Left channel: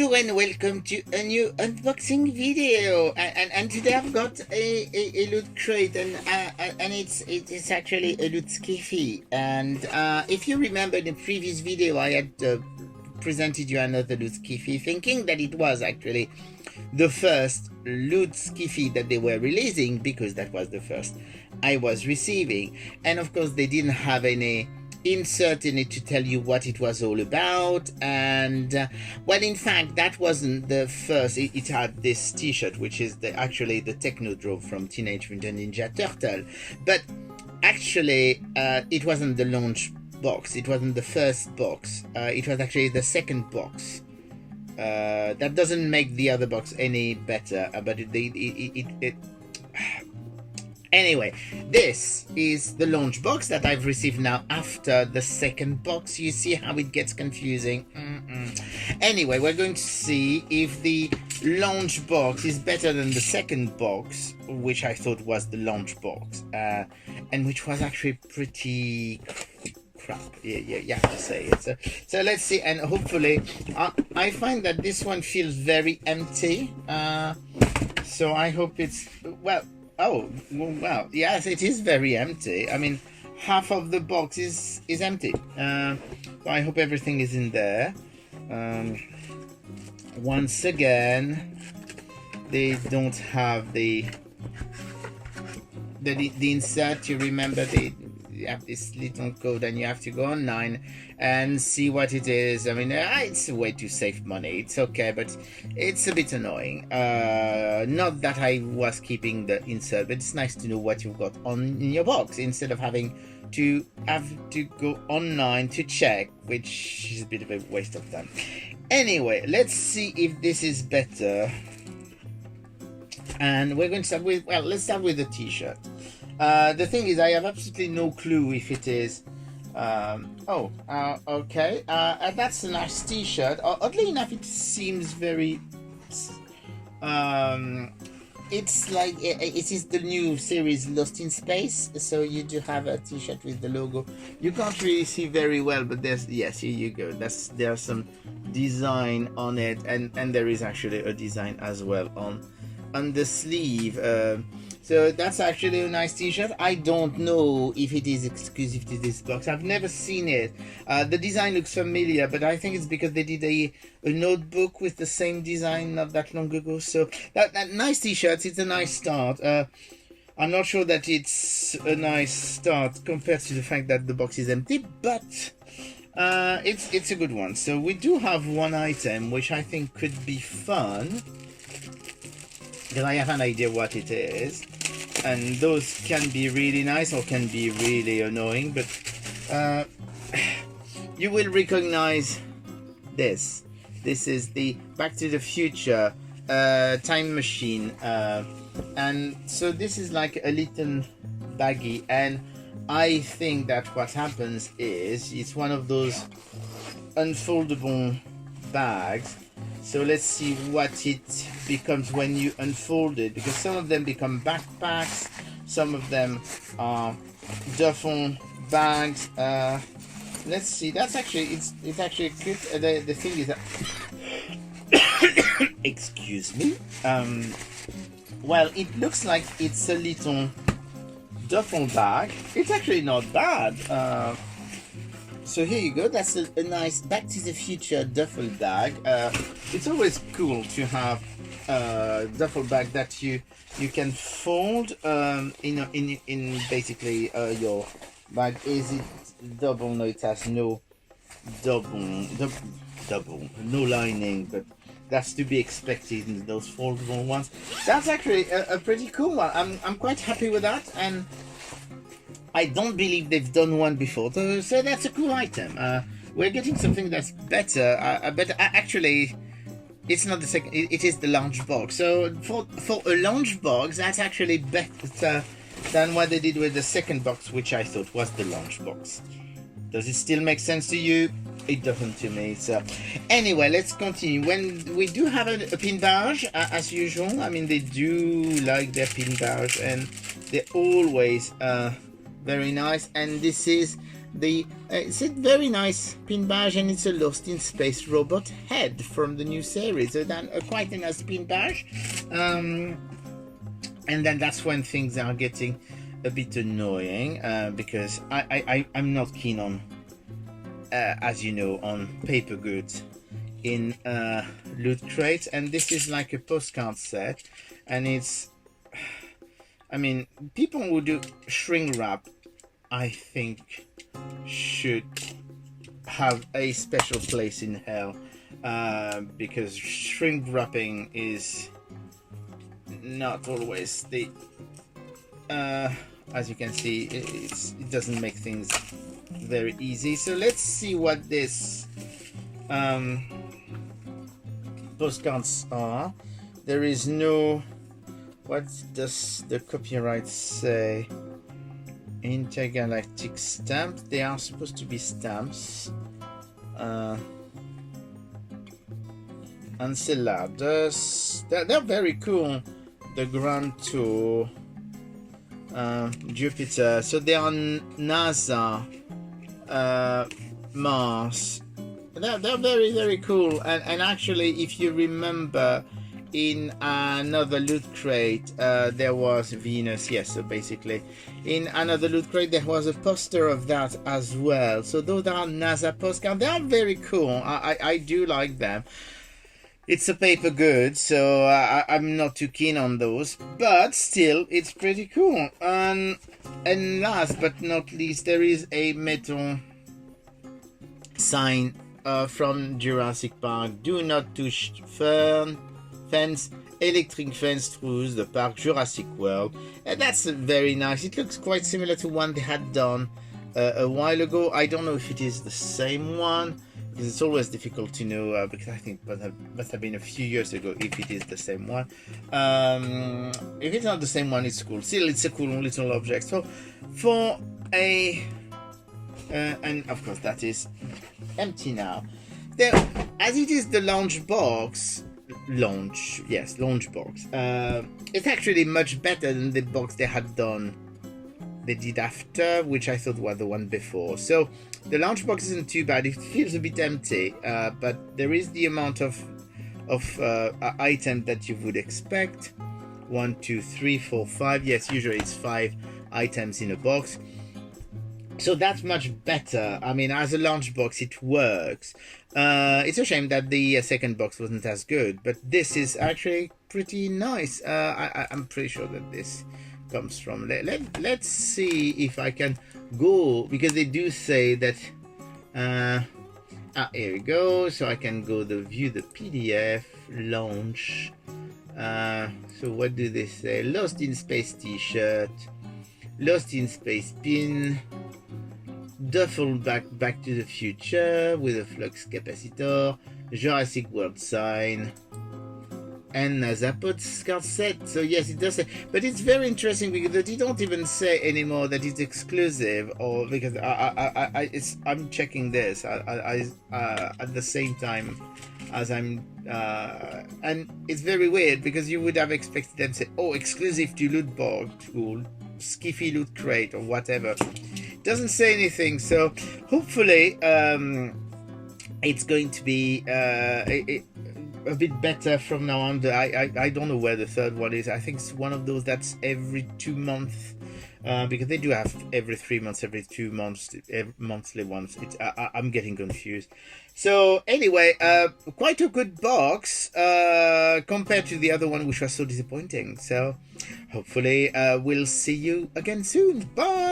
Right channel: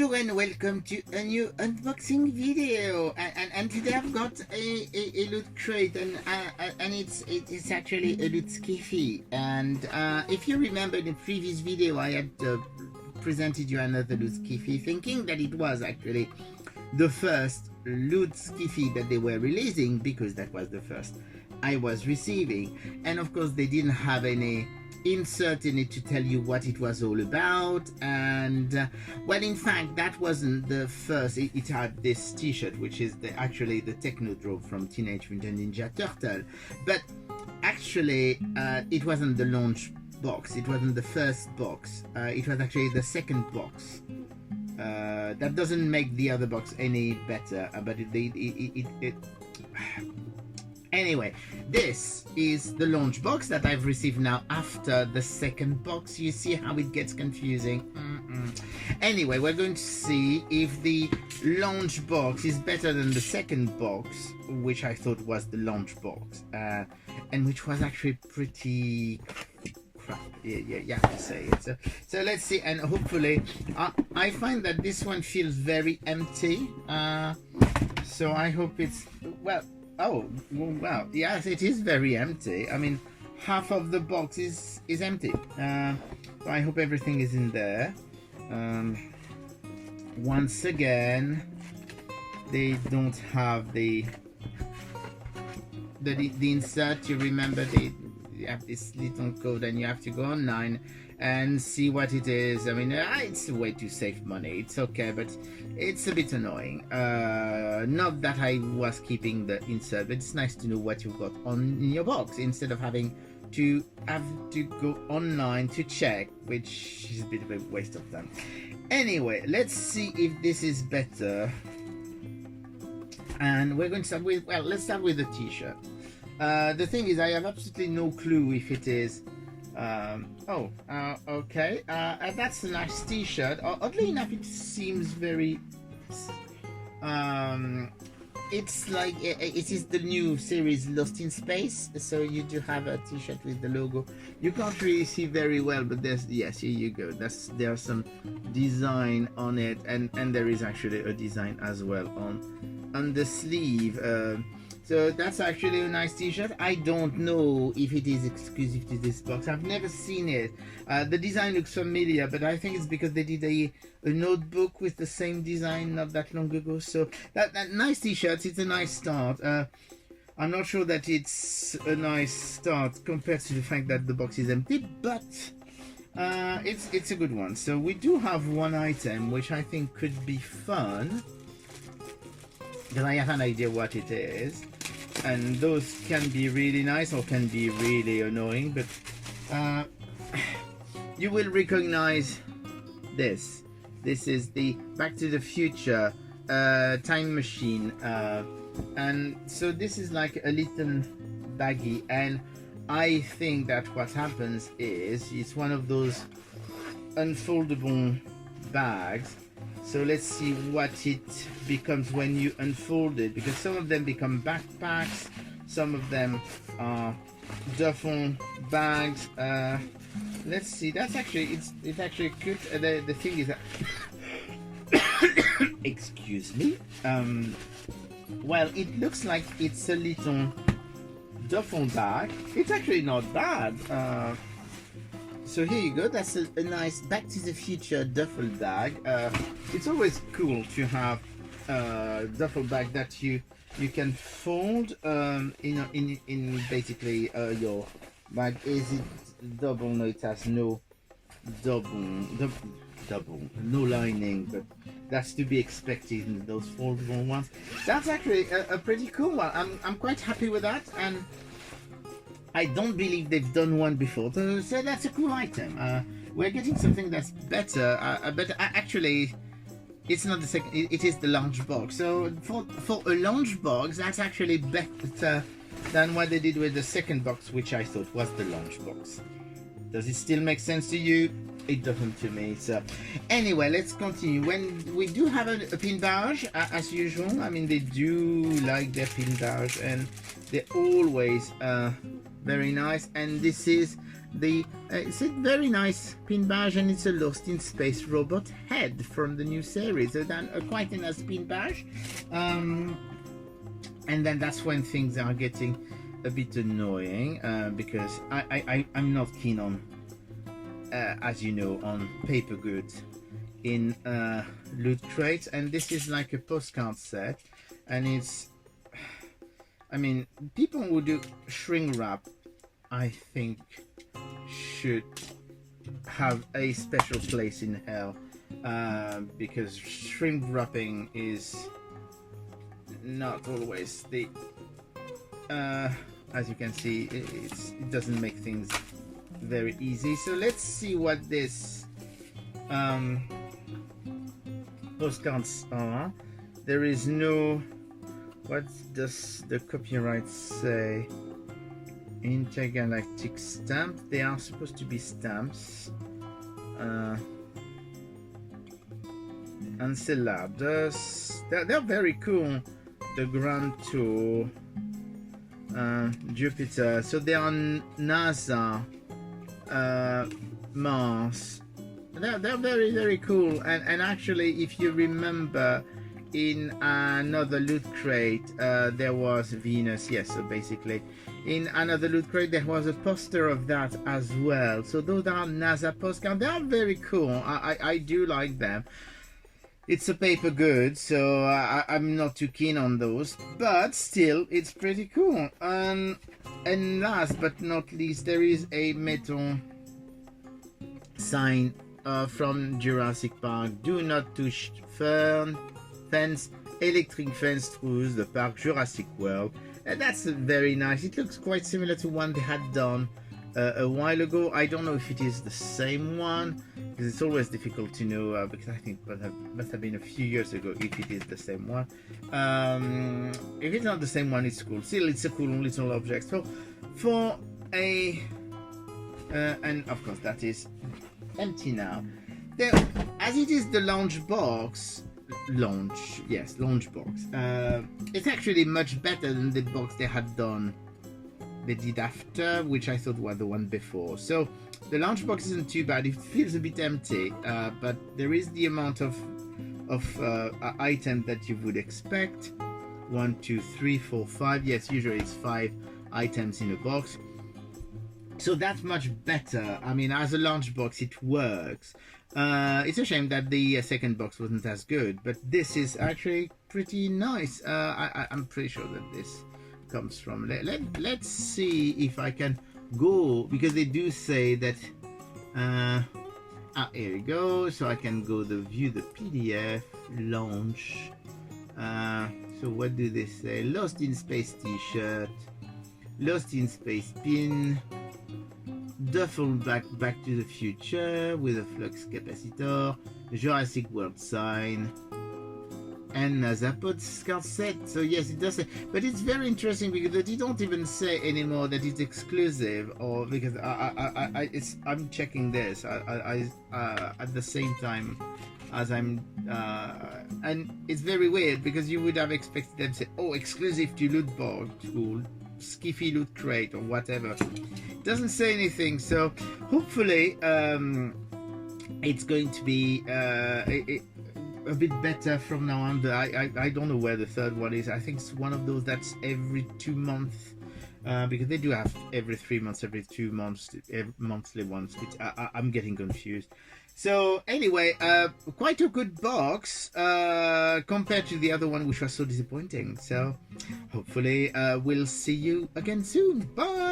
Bonjour and welcome to a new unboxing video. And today I've got a loot crate, and it's actually a loot skiffy. And if you remember in the previous video, I had presented you another loot skiffy, thinking that it was actually the first loot skiffy that they were releasing, because that was the first I was receiving. And of course they didn't have any insert in it to tell you what it was all about. And well, in fact, that wasn't the first. It had this t-shirt, which is actually the Technodrome from Teenage Mutant Ninja Turtle, but actually it wasn't the launch box, it wasn't the first box, it was actually the second box. That doesn't make the other box any better, but anyway, this is the launch box that I've received now after the second box. You see how it gets confusing? Anyway, we're going to see if the launch box is better than the second box, which I thought was the launch box, and which was actually pretty crap. Yeah, you have to say it. So let's see, and hopefully, I find that this one feels very empty. So I hope it's, well, oh, wow, yes, it is very empty. I mean, half of the box is empty. So I hope everything is in there. Once again, they don't have the insert. You remember, you have this little code and you have to go online and see what it is. I mean, it's a way to save money. It's okay, but it's a bit annoying. Not that I was keeping the insert, but it's nice to know what you've got in your box instead of having to go online to check, which is a bit of a waste of time. Anyway, let's see if this is better. And we're going to start with, well, let's start with the t-shirt. The thing is, I have absolutely no clue if it is okay, that's a nice t-shirt. Oddly enough, it seems very it's like it is the new series Lost in Space, so you do have a t-shirt with the logo. You can't really see very well, but there's, yes, here you go, there's some design on it, and there is actually a design as well on the sleeve. So that's actually a nice t-shirt. I don't know if it is exclusive to this box. I've never seen it. The design looks familiar, but I think it's because they did a notebook with the same design not that long ago. So that nice t-shirt, it's a nice start. I'm not sure that it's a nice start compared to the fact that the box is empty, but it's a good one. So we do have one item which I think could be fun, because I have an idea what it is, and those can be really nice or can be really annoying, but you will recognize this. This is the Back to the Future time machine, and so this is like a little baggie, and I think that what happens is it's one of those unfoldable bags. So let's see what it becomes when you unfold it, because some of them become backpacks, some of them are duffel bags. Let's see, that's actually, it's actually good. The thing is that excuse me, well, it looks like it's a little duffel bag. It's actually not bad. So here you go, that's a nice Back to the Future duffel bag. It's always cool to have a duffel bag that you can fold in basically your bag. Is it double? No, it has no double, no lining, but that's to be expected in those foldable ones. That's actually a pretty cool one. I'm quite happy with that, and I don't believe they've done one before, so that's a cool item. We're getting something that's better, but actually, it's not the second. It is the launch box. So for a launch box, that's actually better than what they did with the second box, which I thought was the launch box. Does it still make sense to you? It doesn't to me. So anyway, let's continue. When we do have a pin badge, as usual. I mean, they do like their pin badge, and they're always very nice. And this is It's a very nice pin badge, and it's a Lost in Space robot head from the new series. So then quite a nice pin badge. And then that's when things are getting a bit annoying, because I'm not keen on, as you know, on paper goods in loot crates, and this is like a postcard set, and it's, I mean, people who do shrink wrap, I think, should have a special place in hell, because shrink wrapping is not always the, as you can see, it doesn't make things very easy. So let's see what this postcards are. There is no, what does the copyright say? Intergalactic stamp. They are supposed to be stamps. Enceladus. They're very cool. The Grand Tour. Jupiter. So they are NASA. Mars. They're very, very cool. And actually, if you remember, in another loot crate, there was Venus. Yes, so basically, in another loot crate, there was a poster of that as well. So those are NASA postcards. They are very cool. I do like them. It's a paper good, so I'm not too keen on those, but still, it's pretty cool. And last but not least, there is a metal sign from Jurassic Park. Do not touch fence, electric fence through the park, Jurassic World. And that's very nice. It looks quite similar to one they had done a while ago. I don't know if it is the same one, because it's always difficult to know, because I think it must have been a few years ago if it is the same one. If it's not the same one, it's cool. Still, it's a cool little object. So for a and of course that is empty now. Then, as it is the launch box, it's actually much better than the box they had done. They did after, which I thought was the one before. So the launch box isn't too bad. It feels a bit empty, but there is the amount of items that you would expect. 1, 2, 3, 4, 5. Yes, usually it's 5 items in a box. So that's much better. I mean, as a launch box, it works. It's a shame that the second box wasn't as good, but this is actually pretty nice. I'm pretty sure that this comes from. Let's see if I can go, because they do say that. Here we go. So I can go to view the PDF launch. So what do they say? Lost in Space T-shirt, Lost in Space pin. Duffel Bag Back to the Future with a flux capacitor, Jurassic World sign, and NASA postcard set. So yes, it does say, but it's very interesting because they don't even say anymore that it's exclusive, or because I'm checking this at the same time as I'm and it's very weird because you would have expected them to say, oh, exclusive to loot box or skiffy loot crate or whatever. Doesn't say anything, so hopefully it's going to be a bit better from now on. I don't know where the third one is. I think it's one of those that's every 2 months, because they do have every 3 months, every 2 months, monthly ones. I'm getting confused. So anyway, quite a good box compared to the other one, which was so disappointing. So hopefully we'll see you again soon. Bye.